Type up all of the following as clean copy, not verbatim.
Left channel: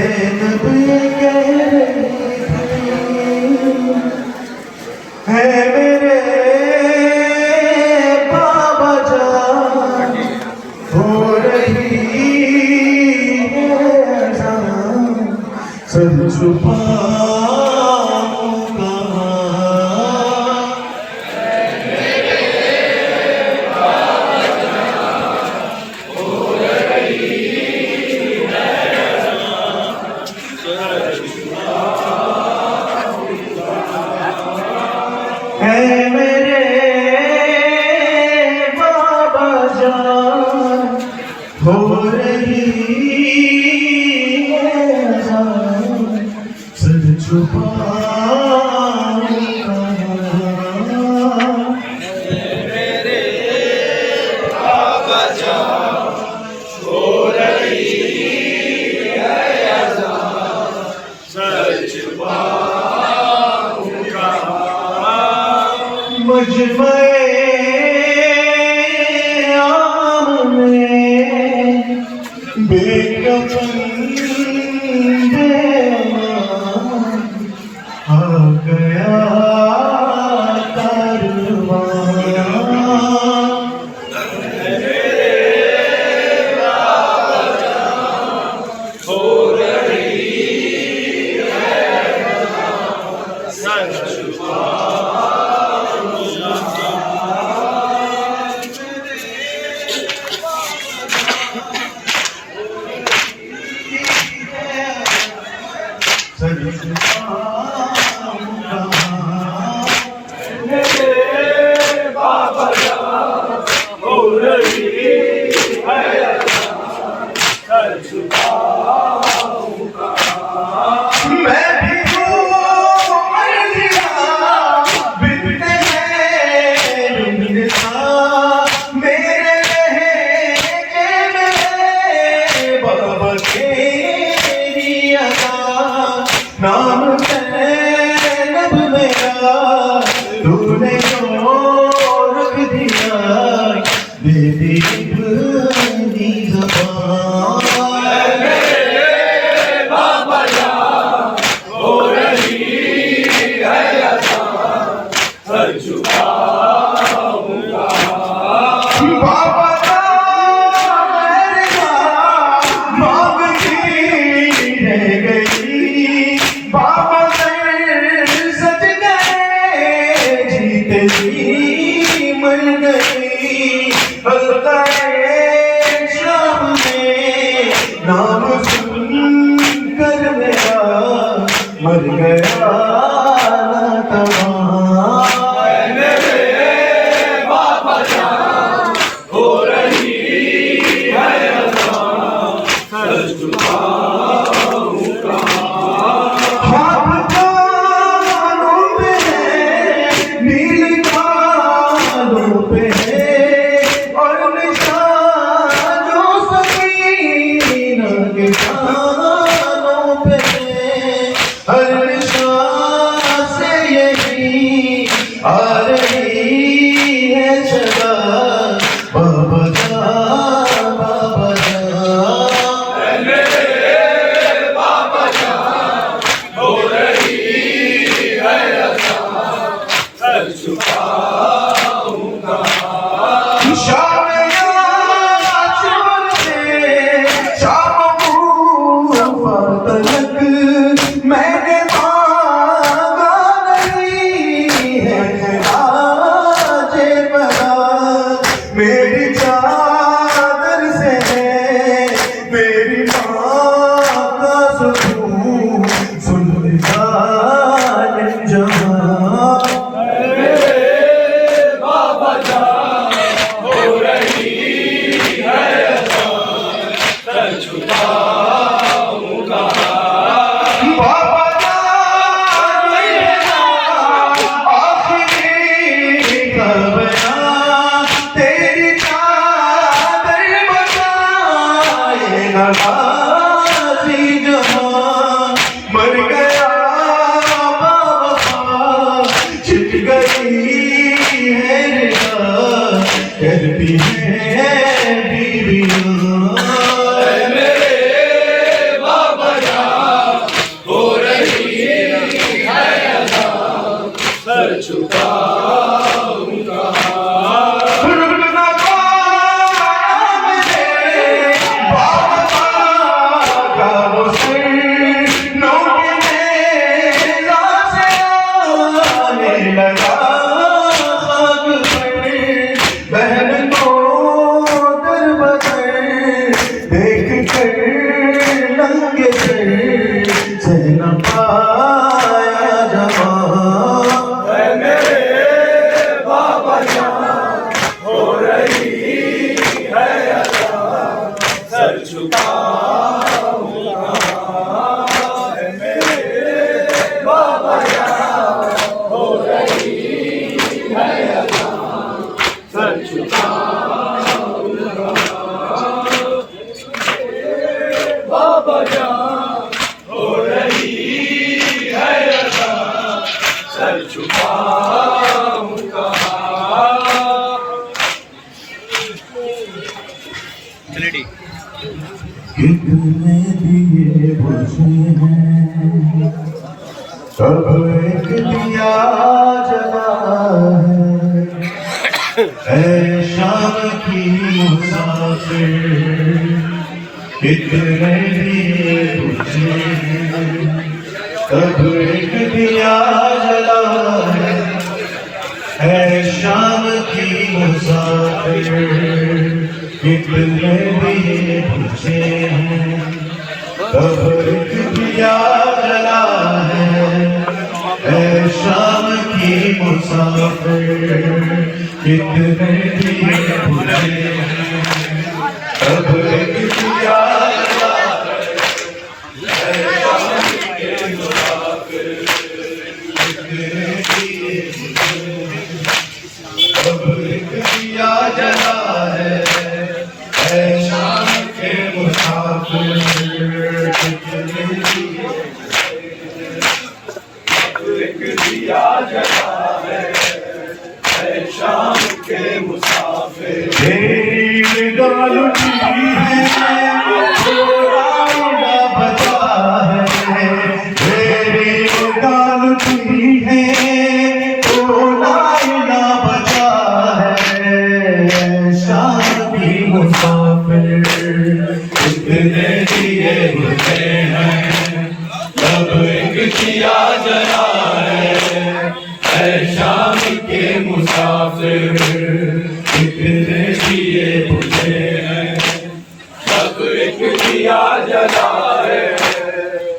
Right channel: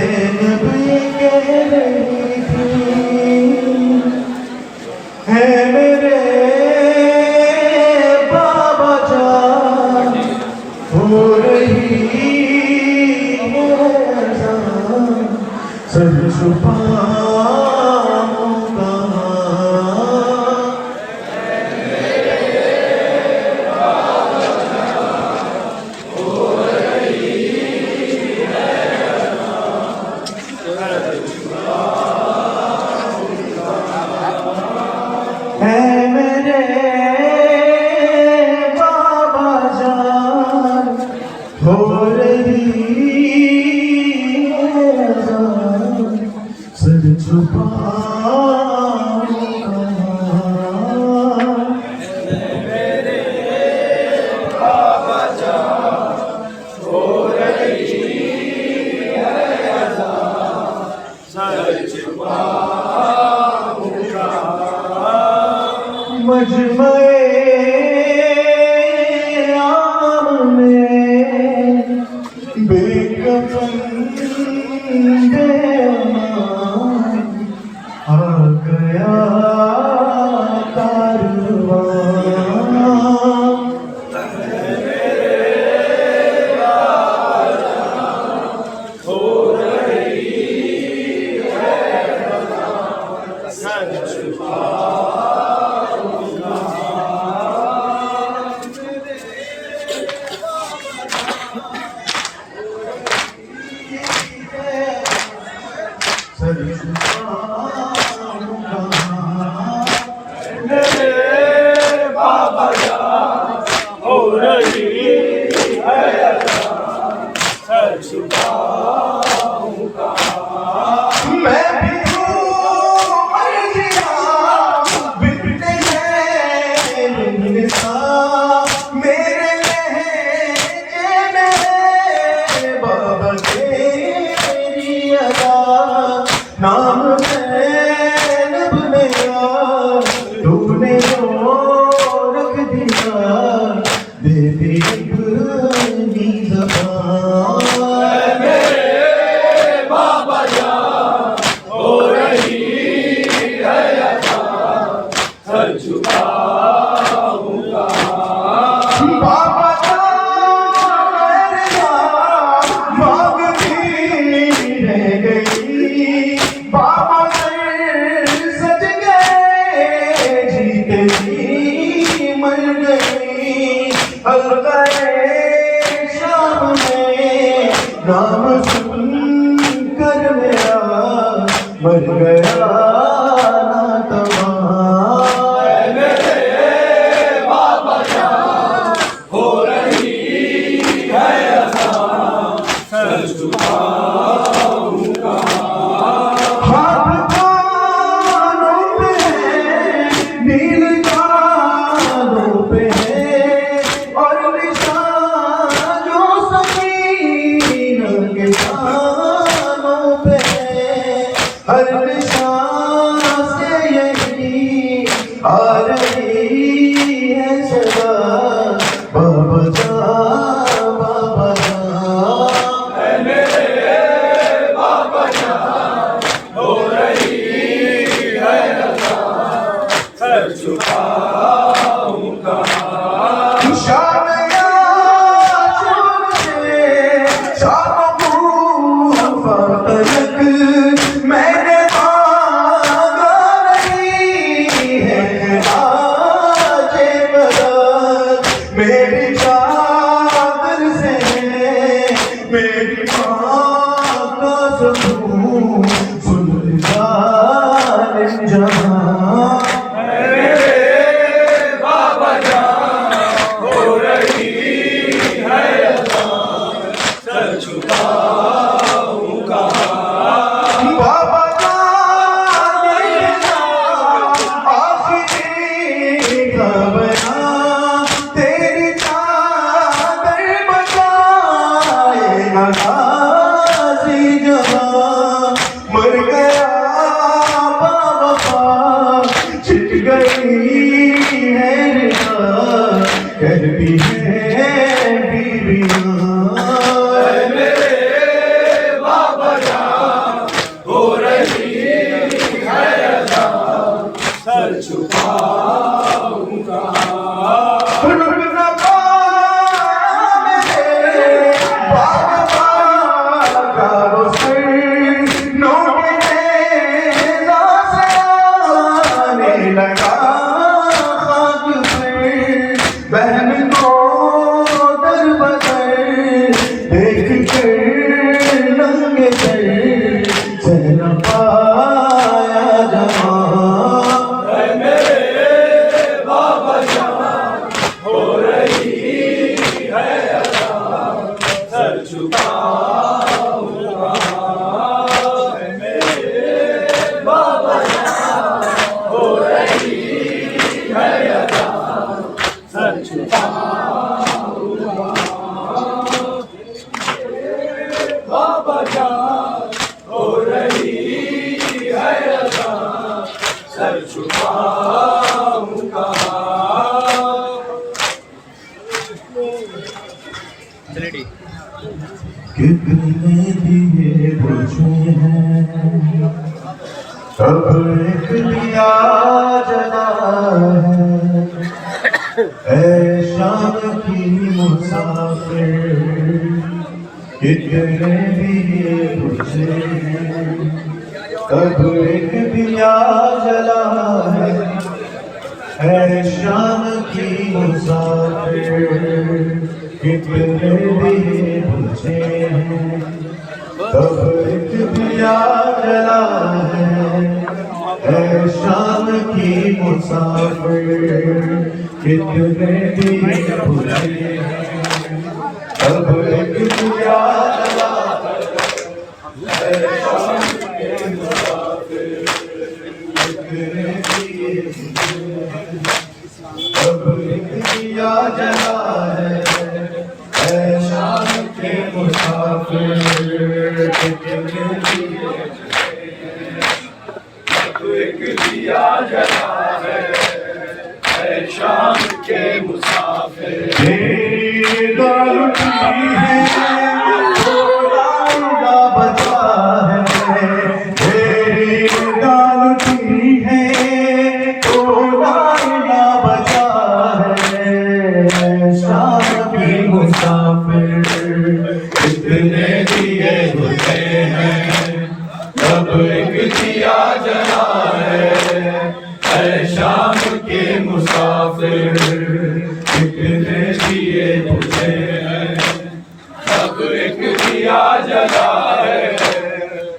ज़ैनब ये कह रही थी, है मेरे बाबा जान हो रही है अज़ान, सर छुपाऊंगा। है मेरे बाबा जान हो रही है अज़ान, सर छुपाऊंगा। मेरे बाबा जान हो रही है अज़ान, सर छुपाऊंगा। मजमे आम में बेकफन बेईमान आ गया कारवां। हो रही है सर मेरे बाबा जान हो रही है अज़ान, सर छुपाऊंगा। मैं भी हूँ मर्जिया बिनते रुनसा, मेरे लहजे में बाबा तेरी अदा, नाम ज़ैनब मेरा तूने क्यों रख दिया, दे दी अपनी ज़बान। मेरे बाबा जान हो रही है अज़ान, सर छुपाऊंगा। बाबा मेरा मांगती रह गई, बाबा सज गए, जीते जी मर गई। हल्का-ए शाम में नाम सुन कर मेरा मर गया नातवां। मेरे बाबा जान हो रही है अज़ान, सर छुपाऊंगा। हाथ कानों पे नील कानों पे और निशान जो सकीना के कानों पे, हर निशान से यही आ रही है सदा, बाबा जा बाबा जा। मेरे बाबा जान हो रही है अज़ान, सर छुपाऊंगा। शाम आशूर से शाम मूसा तलक मैंने मांगा नहीं है आज मदद, मेरी चादर से है मेरी माँ का सुकून, सुल्तान जहां। मेरे बाबा जान हो रही है अज़ान, सर छुपाऊंगा। बाबा मेरा आखिरी ज़माना, तेरी चादर बचाएगा गाज़ी जहां। मर गया बाबा छिट गई है रिदा, करती है बीवियां। मेरे बाबा जान बुझे हैं। अब एक दिया जला है ऐ शाम की मुसाफिर, कितने दिए बुझे हैं। अब एक दिया जला है शाम की मुसाफिर, कितने दिए बुझे हैं। अब एक दिया जला है शाम की मुसाफिर, कितने दिए बुझे हैं। अब एक दिया जला है शाम की मुसाफिर, कितने दिए बुझे हैं। अब एक दिया जला है शाम के मुसाफिर, कितने दिए एक दिया जला है शाम के मुसाफिर। तेरी निगाह लुटी है थोड़ा उड़ा बचा है, तेरी निगाह लुटी है थोड़ा उड़ा बचा है। शाम की मुसाफिर, कितने दिए बुझे हैं। अब एक दिया जला है शाम के मुसाफिर, कितने दिए बुझे हैं। अब एक दिया जला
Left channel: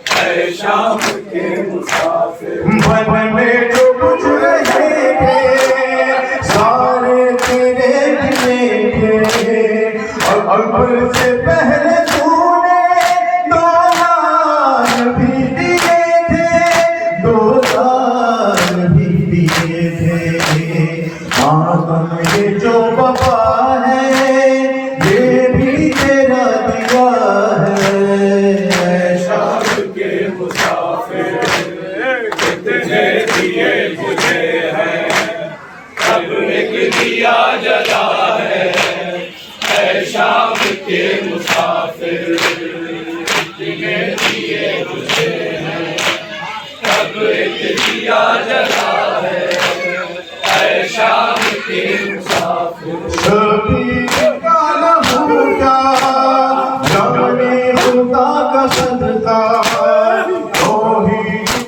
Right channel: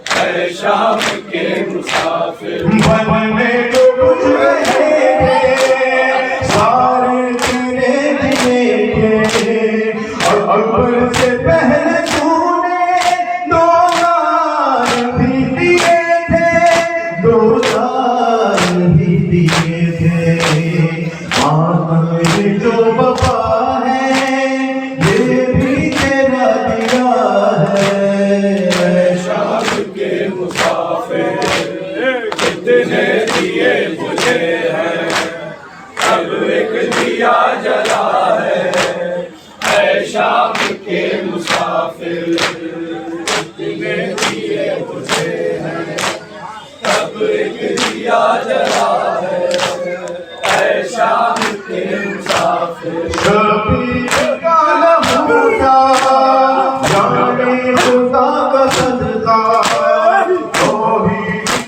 है शाम के मुसाफिर। मन में जो कुछ रहे थे सारे तेरे दिए थे, अकबर से पहले तूने दो लाल भी दिए थे, दो लाल भी दिए थे। मातम ये जो वफा है ये भी तेरा दिया है। शाम के मुसाफिर, कितने दिए बुझे हैं। अब एक दिया जला है शाम के मुसाफिर, कितने दिए बुझे हैं। अब एक दिया जला है शाम के मुसाफिर। कभी काला होता जाने खुदा का सदका, वही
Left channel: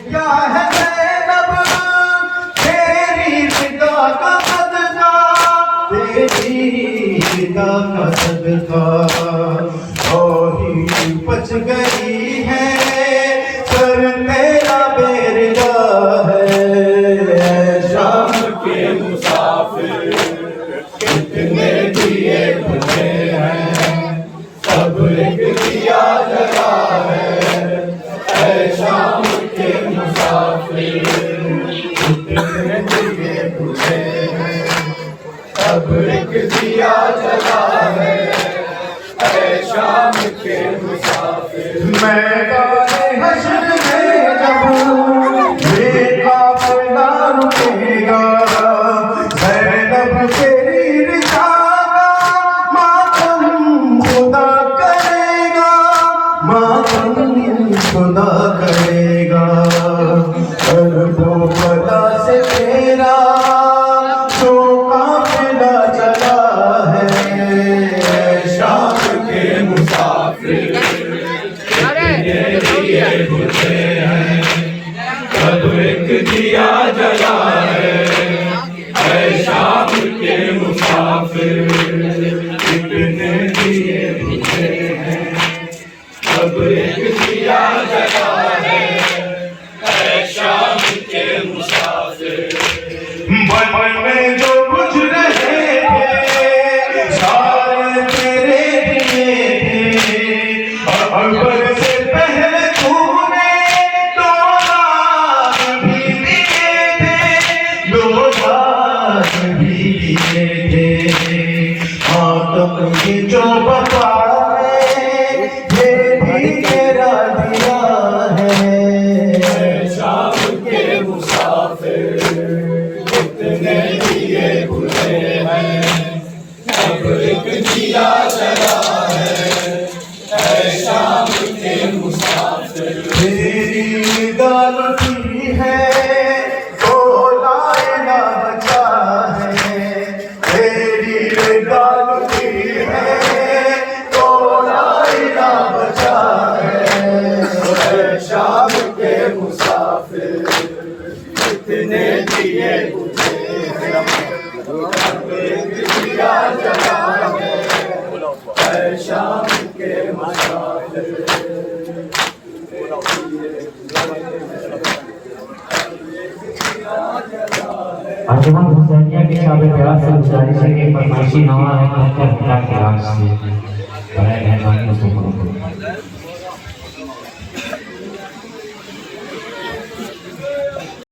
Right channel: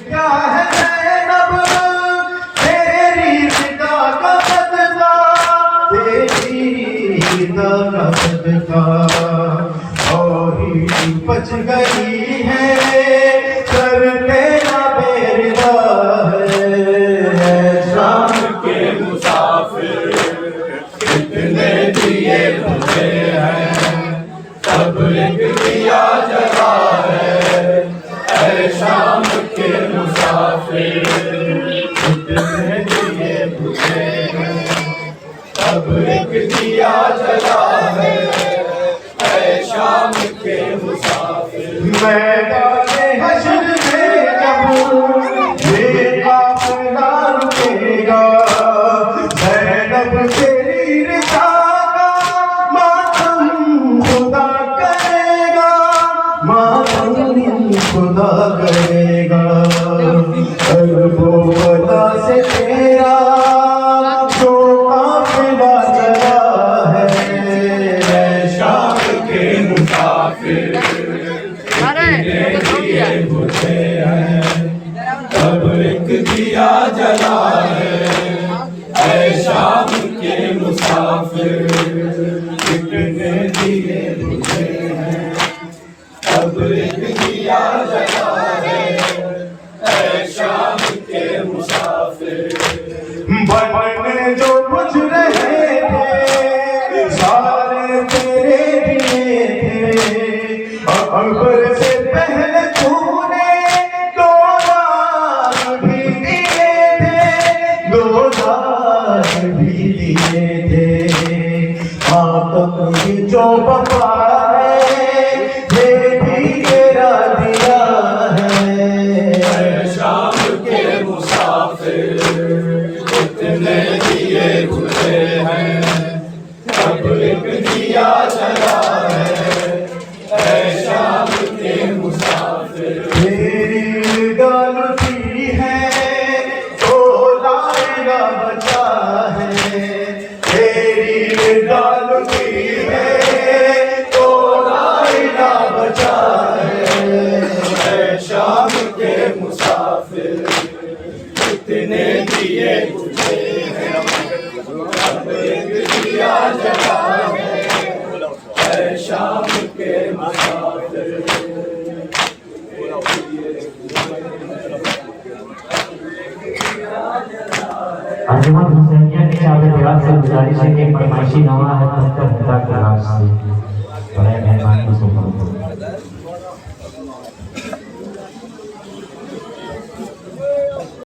क्या है ज़ैनब तेरी फिदा का सदका, तेरी फिदा का सदका। वही बच गई है सर तेरा बेरदा है। शाम के मुसाफिर, कितने दिए बुझे हैं। अब एक दिया जला है शाम के मुसाफिर, कितने दिए बुझे हैं। अब एक दिया जला है शाम के मुसाफिर। मैदाने हश्र में जब ये काफिला रुकेगा, ज़ैनब तेरी रिदा का मातम खुदा करेगा, मातम खुदा करेगा। अरबों वला से तेरा जो काफिला चला है। शाम के मुसाफिर, कितने दिए बुझे हैं। अब एक दिया जला है शाम के मुसाफिर, कितने दिए बुझे हैं। अब एक दिया जला है शाम के मुसाफिर। मन में जो कुछ रहे थे सारे तेरे दिए थे, अकबर से पहले तूने दो लुटी है तो लाया बचा है, तेरी निगाह लुटी है तो लाया बचा है। शाम के मुसाफिर कितने दिए तुझे हैं, अब एक दिया जला है शाम के मुसाफिर। अजमत हुसैनिया की शाबे प्यार से गुजारिश है कि फरमाइशी नवा है मुख्तर खुदा के राज से बड़े मेहरबानी से